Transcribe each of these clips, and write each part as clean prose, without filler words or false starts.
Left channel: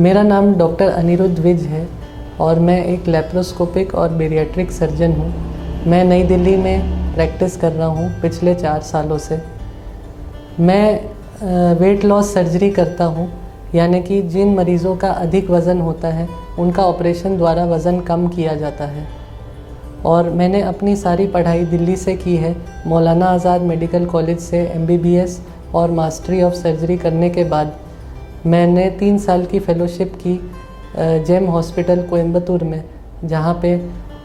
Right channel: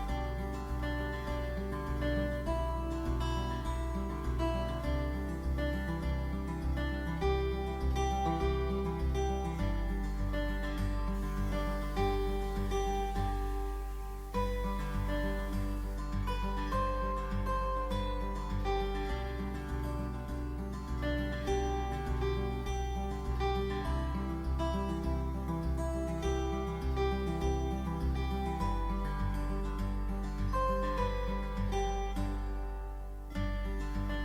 मेरा नाम डॉक्टर अनिरुद्ध विज है और मैं एक लैप्रोस्कोपिक और बेरियाट्रिक सर्जन हूँ। मैं नई दिल्ली में प्रैक्टिस कर रहा हूँ पिछले 4 सालों से। मैं वेट लॉस सर्जरी करता हूँ, यानी कि जिन मरीज़ों का अधिक वज़न होता है उनका ऑपरेशन द्वारा वज़न कम किया जाता है। और मैंने अपनी सारी पढ़ाई दिल्ली से की है। मौलाना आज़ाद मेडिकल कॉलेज से MBBS और मास्टरी ऑफ सर्जरी करने के बाद मैंने 3 साल की फ़ेलोशिप की जेम हॉस्पिटल कोयम्बतूर में, जहाँ पे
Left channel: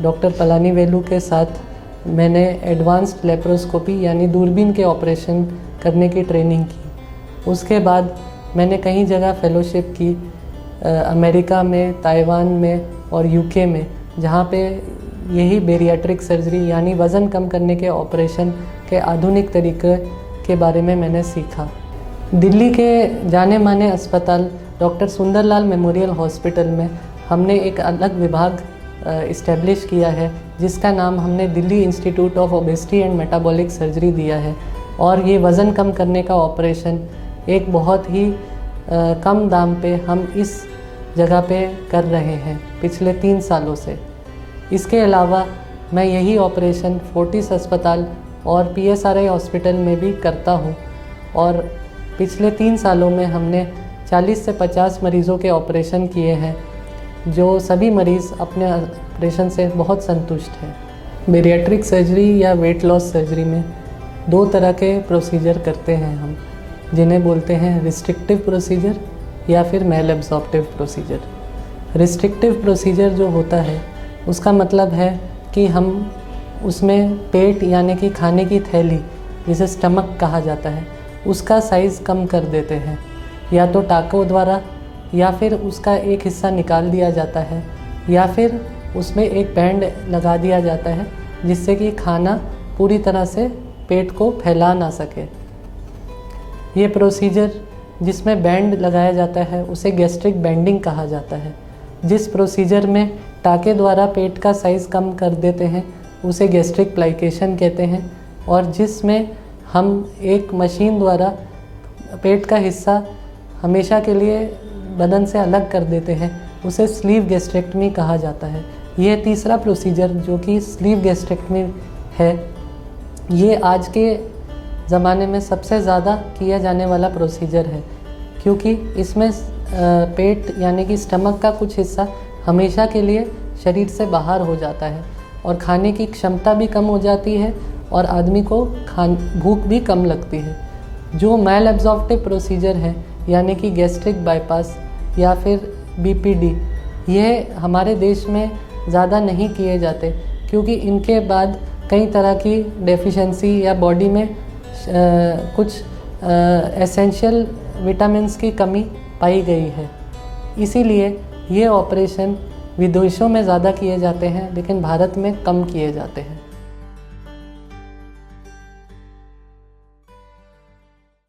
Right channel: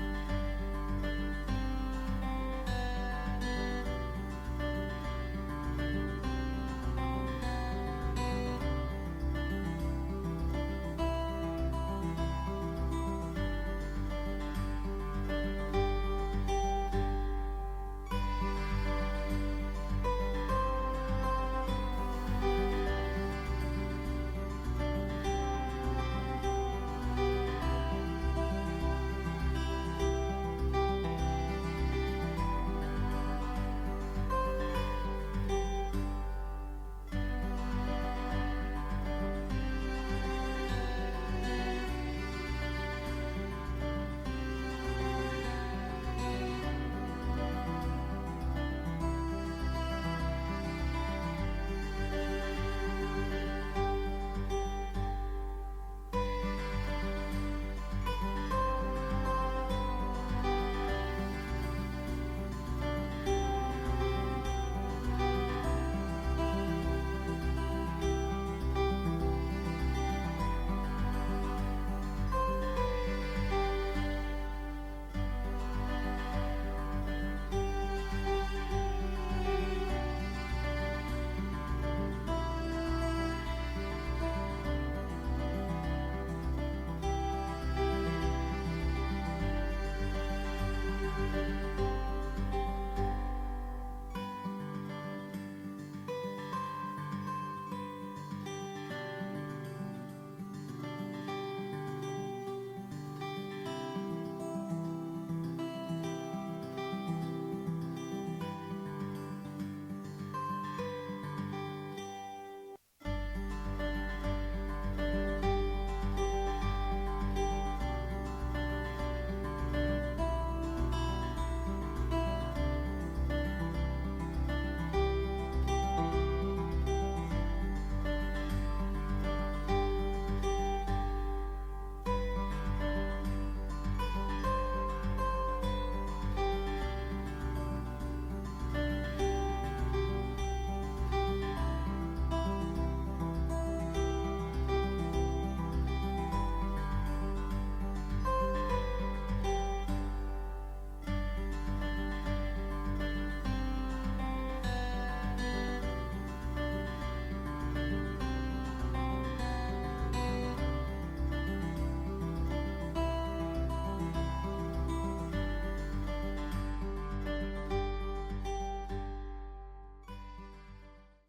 डॉक्टर पलानीवेलु के साथ मैंने एडवांस्ड लेप्रोस्कोपी यानी दूरबीन के ऑपरेशन करने की ट्रेनिंग की। उसके बाद मैंने कई जगह फ़ेलोशिप की, अमेरिका में, ताइवान में और UK में, जहाँ पे यही बेरियाट्रिक सर्जरी यानी वज़न कम करने के ऑपरेशन के आधुनिक तरीके के बारे में मैंने सीखा। दिल्ली के जाने माने अस्पताल डॉक्टर सुंदरलाल मेमोरियल हॉस्पिटल में हमने एक अलग विभाग इस्टेब्लिश किया है, जिसका नाम हमने Delhi institute of obesity and metabolic surgery दिया है। और ये वज़न कम करने का ऑपरेशन एक बहुत ही कम दाम पे हम इस जगह पे कर रहे हैं पिछले 3 सालों से। इसके अलावा मैं यही ऑपरेशन फोर्टिस अस्पताल और PSRI हॉस्पिटल में भी करता हूँ। और पिछले 3 सालों में हमने 40 से 50 मरीज़ों के ऑपरेशन किए हैं, जो सभी मरीज़ अपने ऑपरेशन से बहुत संतुष्ट हैं। बेरियाट्रिक सर्जरी या वेट लॉस सर्जरी में 2 तरह के प्रोसीजर करते हैं हम, जिन्हें बोलते हैं रिस्ट्रिक्टिव प्रोसीजर या फिर malabsorptive procedure. Restrictive procedure जो होता है उसका मतलब है कि हम उसमें पेट यानी कि खाने की थैली, जिसे स्टमक कहा जाता है, उसका साइज़ कम कर देते हैं, या तो टाँकों द्वारा, या फिर उसका एक हिस्सा निकाल दिया जाता है, या फिर उसमें एक बैंड लगा दिया जाता है जिससे कि खाना पूरी तरह से पेट को फैला ना सके। ये प्रोसीजर जिसमें बैंड लगाया जाता है उसे गैस्ट्रिक बैंडिंग कहा जाता है। जिस प्रोसीजर में टाँके द्वारा पेट का साइज़ कम कर देते हैं उसे गैस्ट्रिक प्लाइकेशन कहते हैं। और जिसमें हम एक मशीन द्वारा पेट का हिस्सा हमेशा के लिए बदन से अलग कर देते हैं उसे स्लीव गैस्ट्रेक्टमी कहा जाता है। यह तीसरा प्रोसीजर जो कि स्लीव गैस्ट्रेक्टमी है, ये आज के ज़माने में सबसे ज़्यादा किया जाने वाला प्रोसीजर है, क्योंकि इसमें पेट यानी कि स्टमक का कुछ हिस्सा हमेशा के लिए शरीर से बाहर हो जाता है और खाने की क्षमता भी कम हो जाती है और आदमी को भूख भी कम लगती है। जो मेल एब्जॉर्प्टिव प्रोसीजर है यानी कि गैस्ट्रिक बाईपास या फिर BPD, यह हमारे देश में ज़्यादा नहीं किए जाते, क्योंकि इनके बाद कई तरह की डेफिशिएंसी या बॉडी में कुछ एसेंशियल विटामिन्स की कमी पाई गई है। इसीलिए ये ऑपरेशन विदेशों में ज़्यादा किए जाते हैं, लेकिन भारत में कम किए जाते हैं।